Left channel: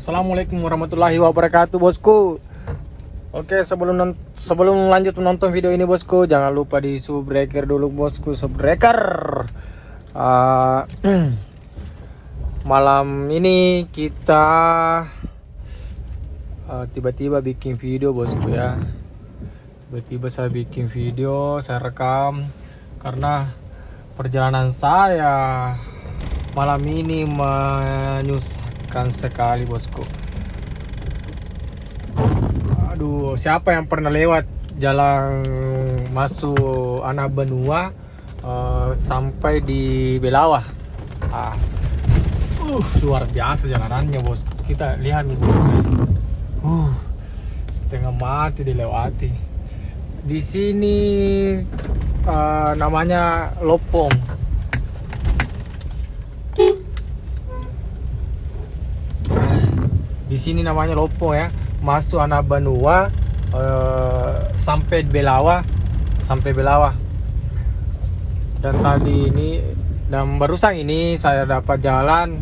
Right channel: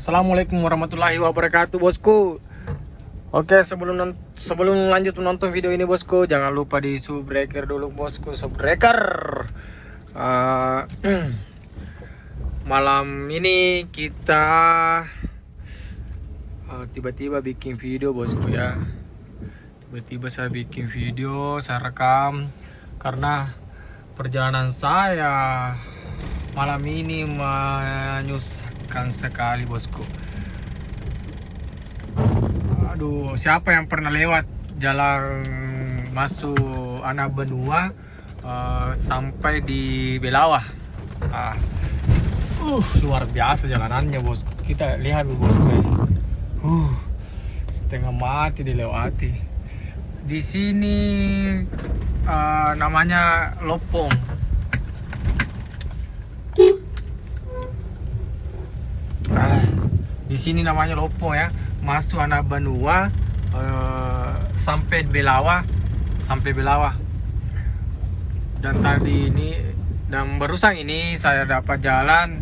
Assalamualaikum warahmatullahi wabarakatuh, bosku. Oke, sebelum lanjut menonton video ini, bosku, jangan lupa di subbreaker dulu, bosku. Subbreaker. Malam ini kita tiba-tiba bikin video, bosku, ya. Tiba-tiba saya bikin video, saya rekam karena perjalanan saya malam ini menyusahkan sekali, bosku. Aduh, siapa yang pernah lewat jalan masuk Anak Benua sampai di Belawah? Luar biasa jalanannya, bosku. Kita lihat, bosku. Setengah mati dilewati. Di sini namanya Lopong. Di sini namanya Lopong, ya. Masuk Anak Benua sampai Belawah, dan barusan ini saya dapat jalan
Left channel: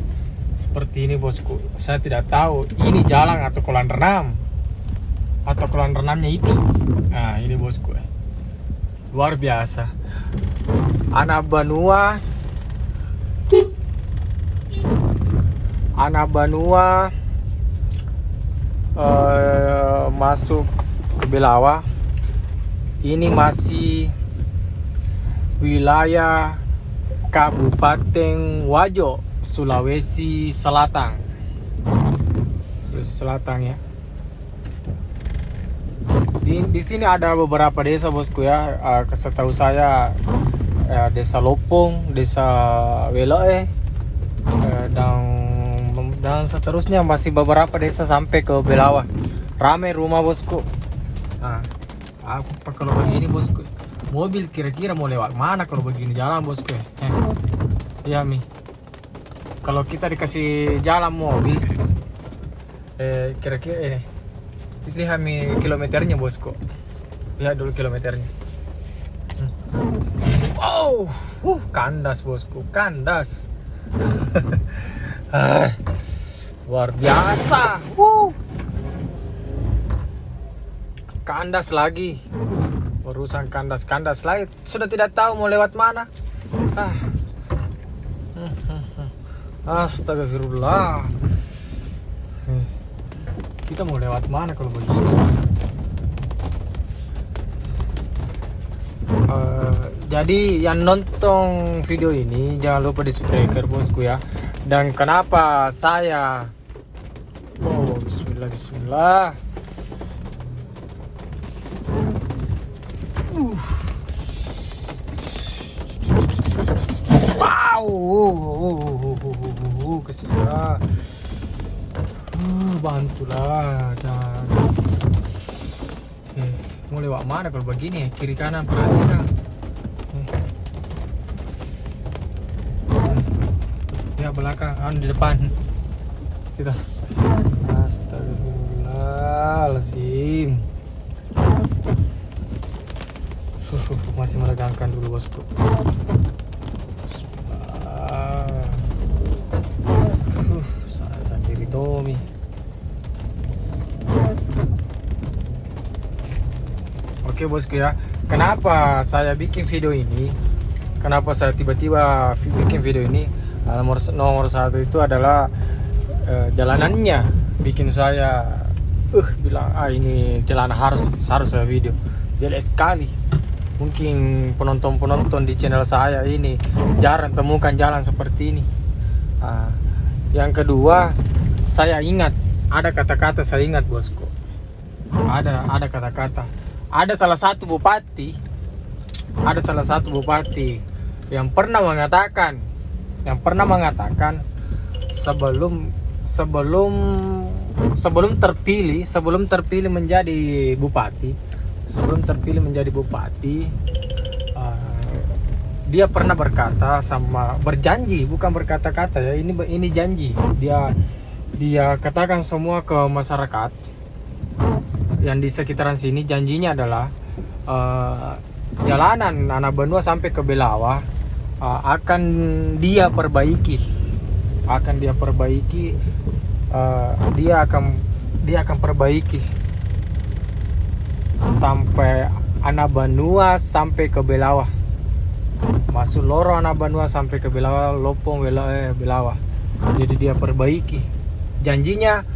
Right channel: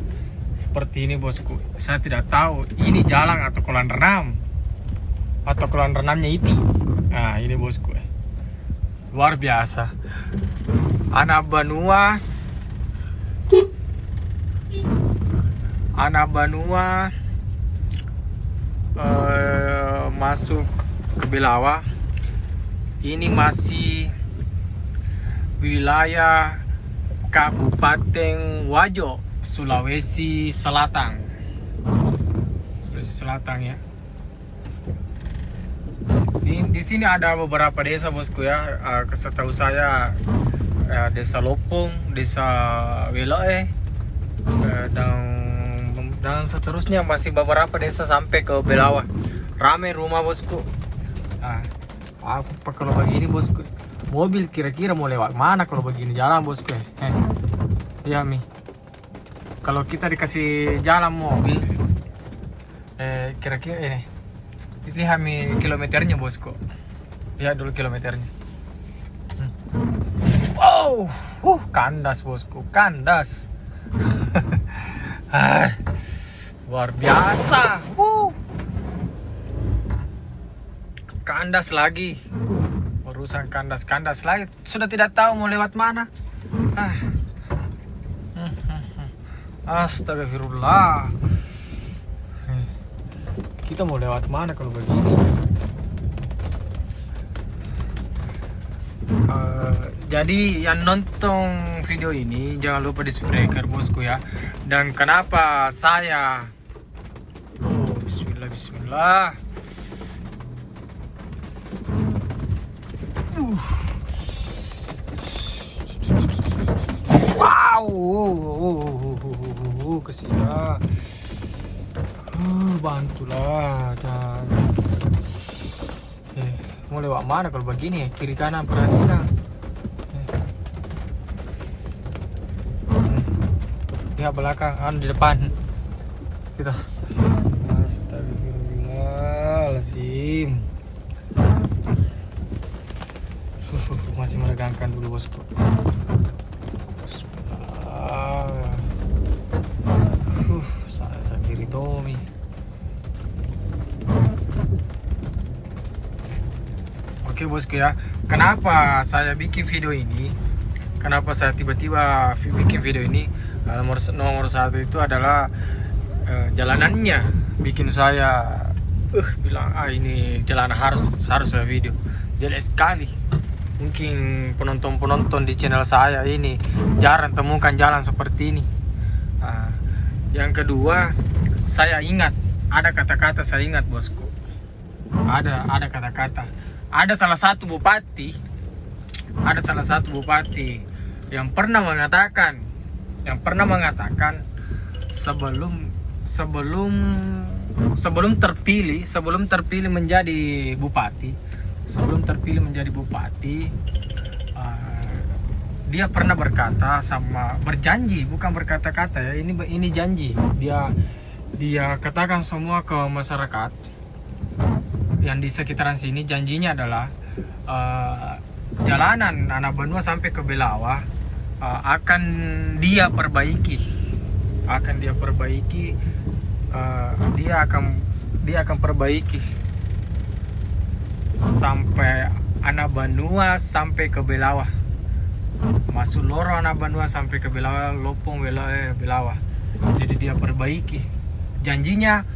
seperti ini, bosku. Saya tidak tahu ini jalan atau kolam renang atau kolam renangnya itu. Nah, ini, bosku, luar biasa. Anak Benua masuk ke Belawah. Ini masih wilayah Kabupaten Wajo, Sulawesi Selatan. Ya. Di sini ada beberapa desa, bosku, ya. Setahu saya desa Lopong, desa Weloe, dan seterusnya masih beberapa desa sampai ke Belawah. Ramai rumah, bosku. Apa kalau begini, bosku? Mobil kira-kira mau lewat mana kalau begini jalan, bosku? Iya, Mi. Kalau kita dikasih jalan mobil, kira-kira ini. Lihat, Mi, kilometernya, bosku. Lihat dulu kilometernya. Wow, kandas, bosku, kandas. Luar biasa. Kandas lagi. Urusan kandas lagi. Sudah tidak tahu mau lewat mana. Astagfirullah. Kita mau lewat mana kalau begini? Jadi yang nonton video ini jangan lupa di subscribe, bosku, ya. Dan kenapa saya Bismillah. Wow, kesian. Bantulah, jangan. Mau lewat mana kalau begini? Kiri kanan perhatikan. Lihat belakang, di depan kita. Astagfirullahaladzim. Masih meregangkan dulu, bosku. Saya sendiri Tommy. Oke, bosku, ya. Kenapa saya bikin video ini? Kenapa saya tiba-tiba bikin video ini? Nomor satu itu adalah jalanannya bikin saya bilang ini jalan harus saya video. Jelek sekali. Mungkin penonton di channel saya ini jarang temukan jalan seperti ini. Yang kedua, saya ingat ada kata-kata, saya ingat, bosku. Ada kata-kata. Ada salah satu bupati yang pernah mengatakan sebelum terpilih menjadi bupati, dia pernah berjanji, bukan berkata-kata, ya. Ini janji. Dia katakan semua ke masyarakat yang di sekitaran sini. Janjinya adalah jalanan Anak Benua sampai ke Belawah akan dia perbaiki dia akan perbaiki sampai Anabanua sampai ke Belawa, masuk lorong Anabanua sampai ke Belawa, Lopong Belawa. Jadi dia perbaiki. Janjinya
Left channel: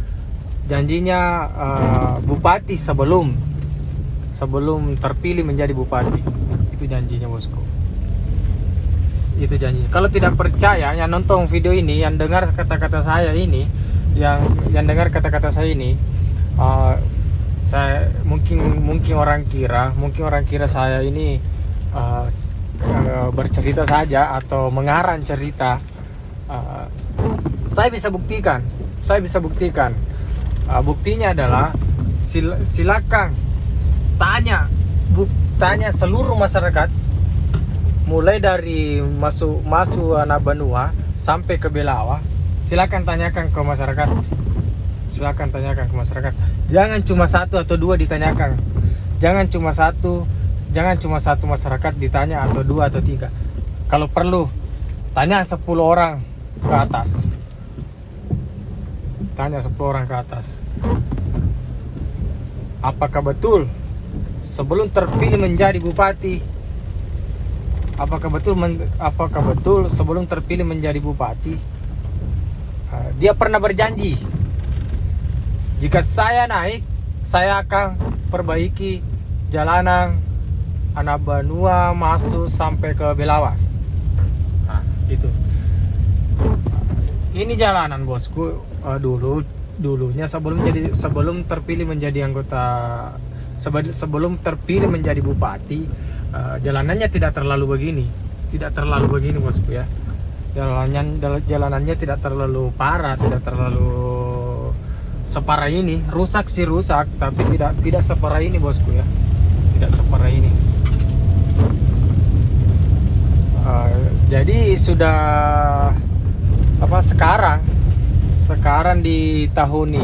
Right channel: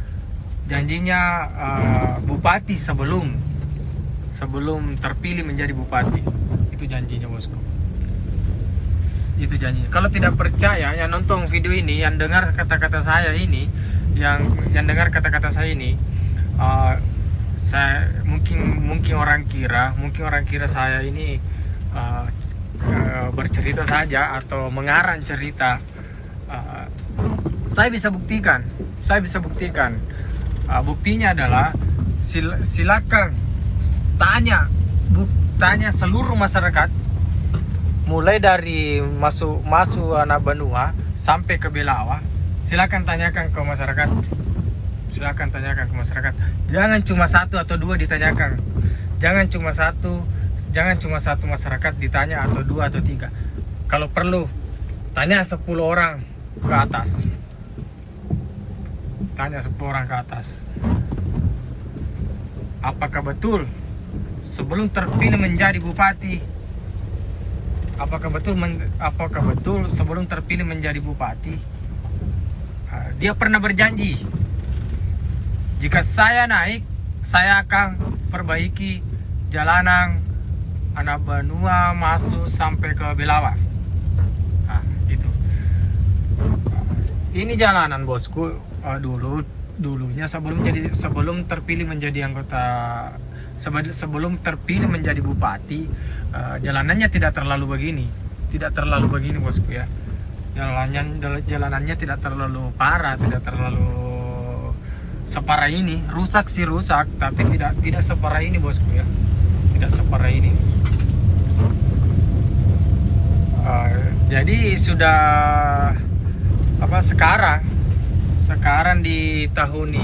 bupati sebelum terpilih menjadi bupati. Itu janjinya, bosku. Itu janjinya. Kalau tidak percaya, yang nonton video ini, yang dengar kata-kata saya ini, yang dengar kata-kata saya ini, saya mungkin orang kira saya ini bercerita saja atau mengarang cerita. Saya bisa buktikan. Buktinya adalah silakan tanya seluruh masyarakat, mulai dari masuk Anabanua sampai ke Belawa. Silakan tanyakan ke masyarakat. Jangan cuma satu atau dua ditanyakan. Jangan cuma satu masyarakat ditanya, atau dua atau tiga. Kalau perlu tanya 10 orang ke atas. Apakah betul sebelum terpilih menjadi bupati, sebelum terpilih menjadi bupati, dia pernah berjanji, jika saya naik, saya akan perbaiki jalanan Anabanua masuk sampai ke Belawa. Nah, itu. Ini jalanan, bosku. Dulunya sebelum terpilih menjadi sebelum terpilih menjadi bupati, jalanannya tidak terlalu begini, bosku ya. Jalanannya tidak terlalu parah, tidak terlalu separah ini. Rusak, tapi tidak separah ini, bosku ya. Tidak separah ini. Jadi sudah sekarang di tahun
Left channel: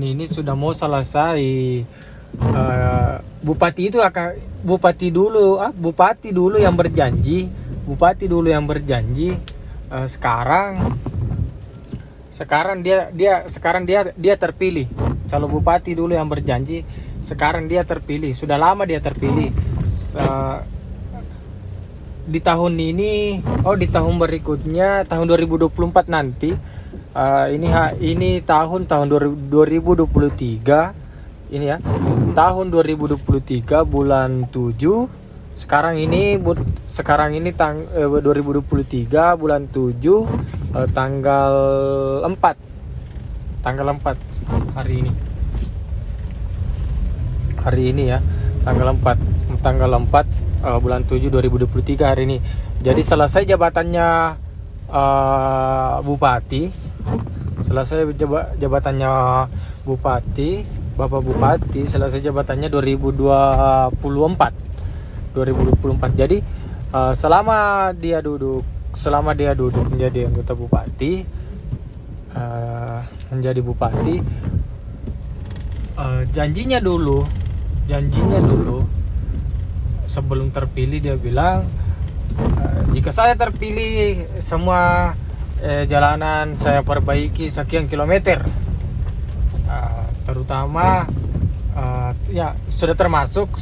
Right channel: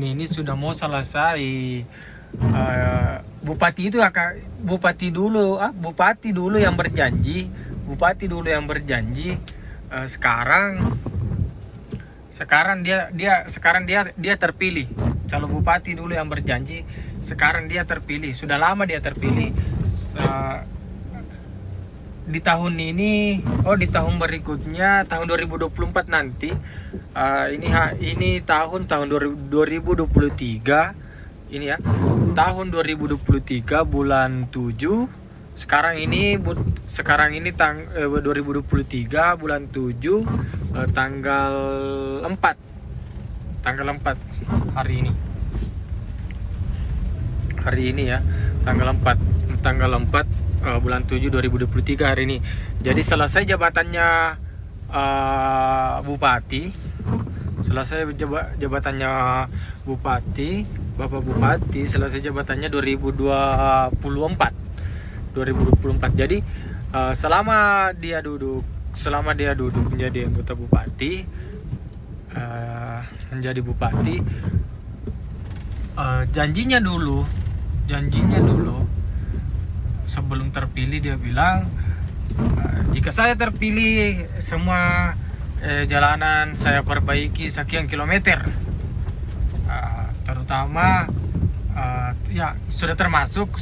ini sudah mau selesai. Bupati dulu yang berjanji. Sekarang dia terpilih. Calon bupati dulu yang berjanji, sekarang dia terpilih. Sudah lama dia terpilih. Di tahun ini, di tahun berikutnya, tahun 2024 nanti, ini tahun 2023 ini ya, tahun 2023 bulan 7. Sekarang ini 2023 bulan 7, tanggal 4 hari ini ya, tanggal 4 bulan 7 2023 hari ini. Jadi selesai jabatannya Bapak Bupati selesai jabatannya 2024. Jadi selama dia duduk menjadi anggota bupati, janjinya dulu sebelum terpilih dia bilang, jika saya terpilih, semua jalanan saya perbaiki sekian kilometer, terutama ya sudah termasuk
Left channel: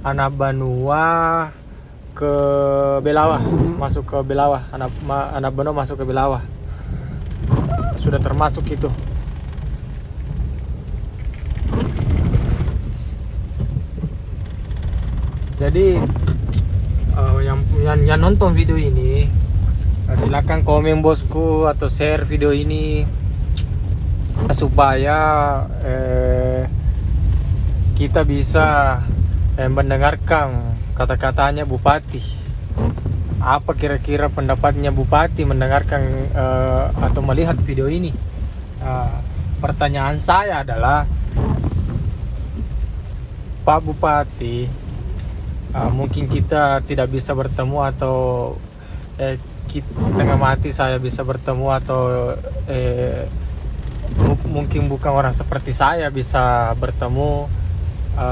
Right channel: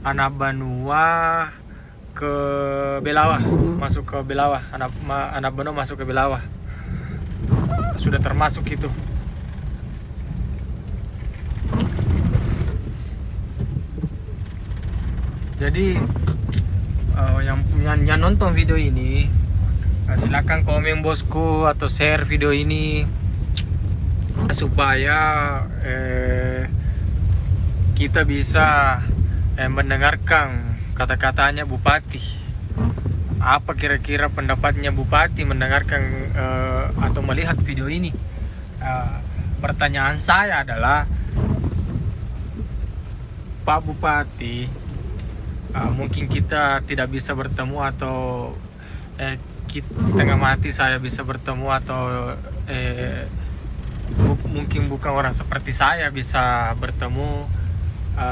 Anabanua ke Belawa, masuk ke Belawa, Anabanua masuk ke Belawa, sudah termasuk itu. Jadi yang nonton video ini, silakan komen, bosku, atau share video ini supaya kita bisa mendengarkan kata-katanya bupati. Apa kira-kira pendapatnya bupati mendengarkan atau melihat video ini? Pertanyaan saya adalah, Pak Bupati, mungkin kita tidak bisa bertemu, atau setengah mati saya bisa bertemu, atau mungkin bukan orang seperti saya bisa bertemu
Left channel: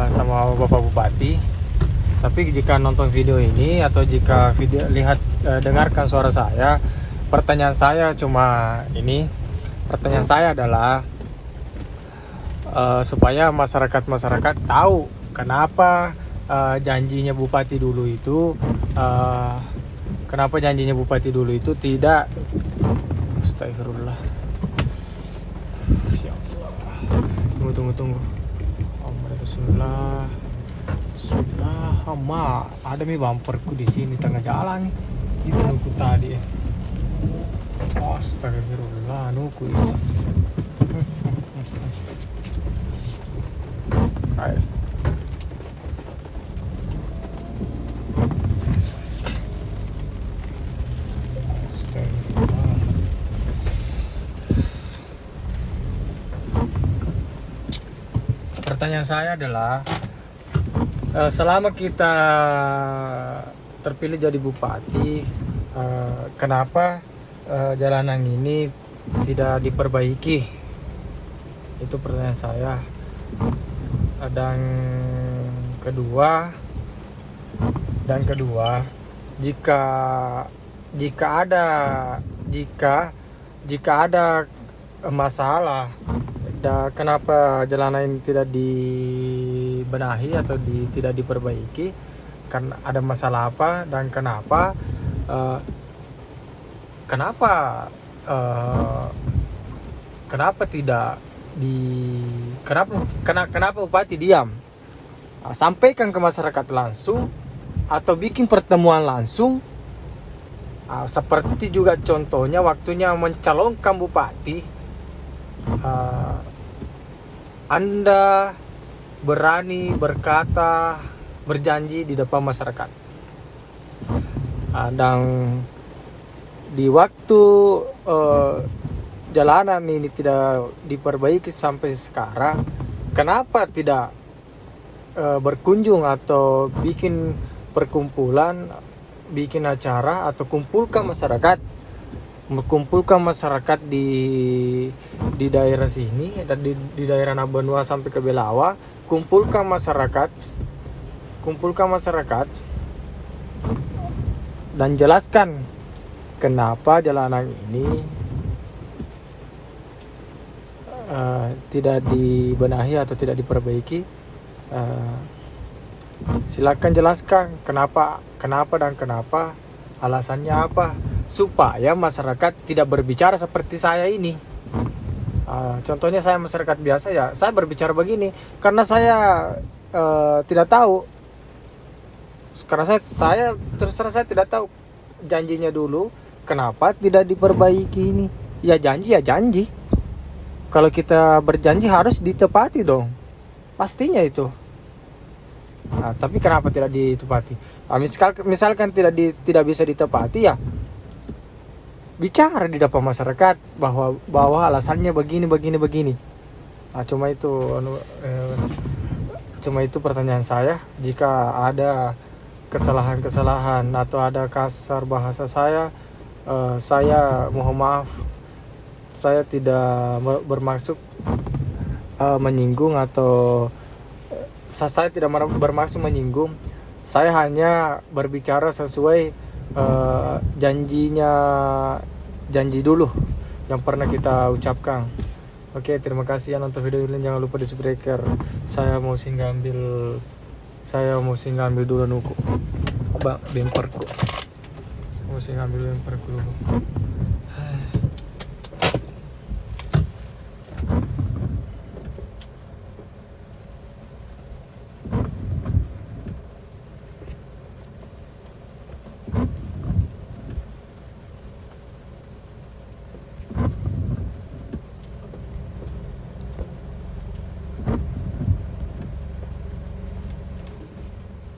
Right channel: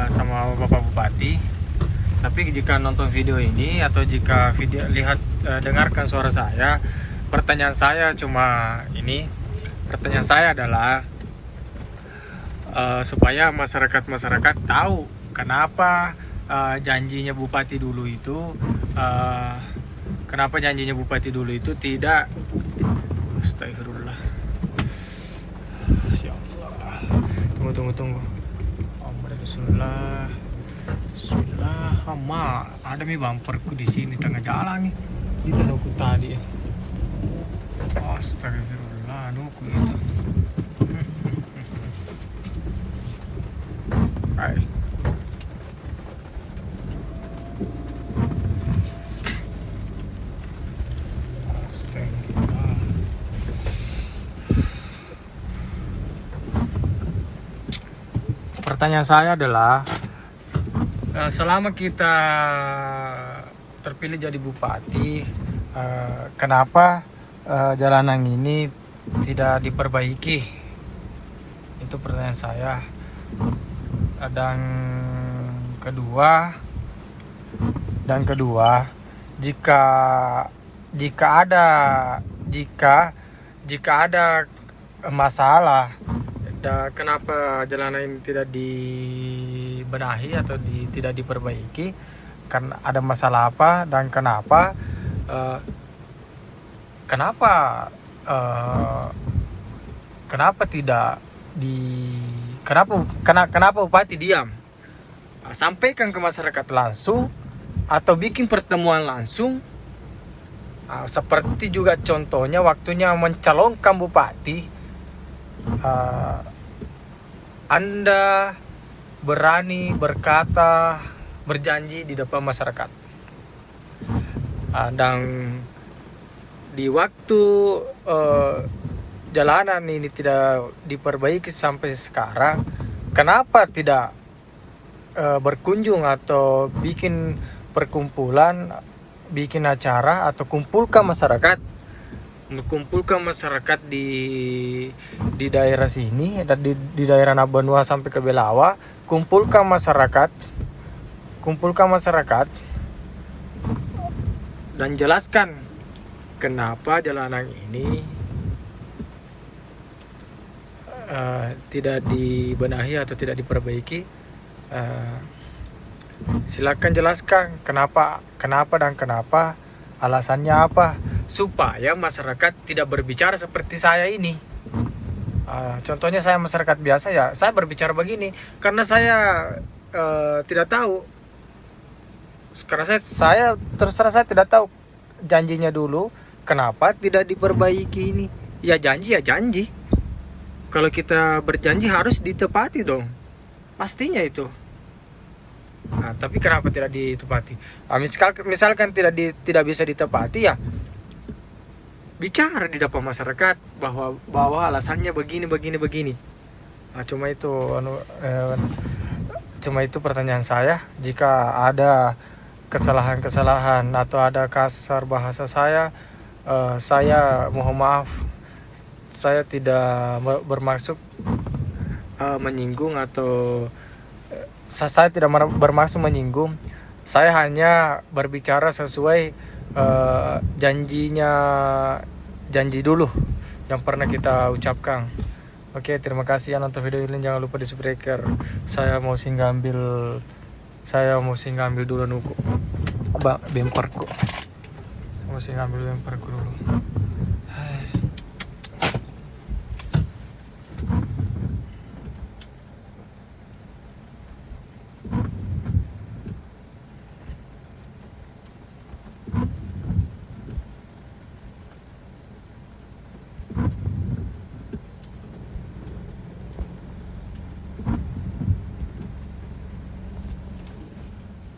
sama Bapak Bupati. Tapi jika nonton video ini, atau jika dengarkan suara saya, pertanyaan saya cuma ini. Pertanyaan saya adalah supaya masyarakat tahu kenapa janjinya Bupati dulu itu tidak. Astagfirullah. Ya Allah. Tunggu. Bismillah. Ada mi bumperku di sini tengah jalan nih. Itu nuku tadi. Astagfirullah, nuku. Hai. Pertanyaan saya adalah selama kita terpilih jadi bupati, kenapa jalanan ini tidak diperbaiki? Itu pertanyaan saya. Dan kedua, jika ada masalah, kenapa jalanan ini tidak dibenahi atau tidak diperbaiki? Karena ada masalah apa dan kenapa kenapa Bupati diam? Sampaikan ke masyarakat langsung atau bikin pertemuan langsung. Seperti juga contohnya waktunya mencalonkan Bupati, Anda berani berkata, berjanji di depan masyarakat, dan di waktu jalanan ini tidak diperbaiki sampai sekarang, kenapa tidak berkunjung atau bikin perkumpulan, bikin acara atau kumpulkan masyarakat di daerah sini dan di daerah Nabanua sampai ke Belawa, kumpulkan masyarakat dan jelaskan kenapa jalanan ini tidak dibenahi atau tidak diperbaiki. Silakan jelaskan kenapa, alasannya apa, supaya masyarakat tidak berbicara seperti saya ini. Contohnya saya masyarakat biasa, ya saya berbicara begini karena saya tidak tahu. Karena saya terserah, saya tidak tahu janjinya dulu kenapa tidak diperbaiki ini. Ya janji. Kalau kita berjanji harus ditepati dong, pastinya itu. Tapi kenapa tidak ditepati? Misalkan tidak bisa ditepati, ya bicara di depan masyarakat bahwa alasannya begini. Cuma itu pertanyaan saya. Jika ada kesalahan atau ada kasar bahasa saya mohon maaf. Saya tidak bermaksud menyinggung atau saya tidak bermaksud menyinggung. Saya hanya berbicara sesuai janji dulu yang pernah kita ucapkan. Oke, terima kasih yang nonton video ini. Jangan lupa di subscribe. Saya mau singgah ambil dulu nuku bemperku. Mau singgah ambil bemperku dulu.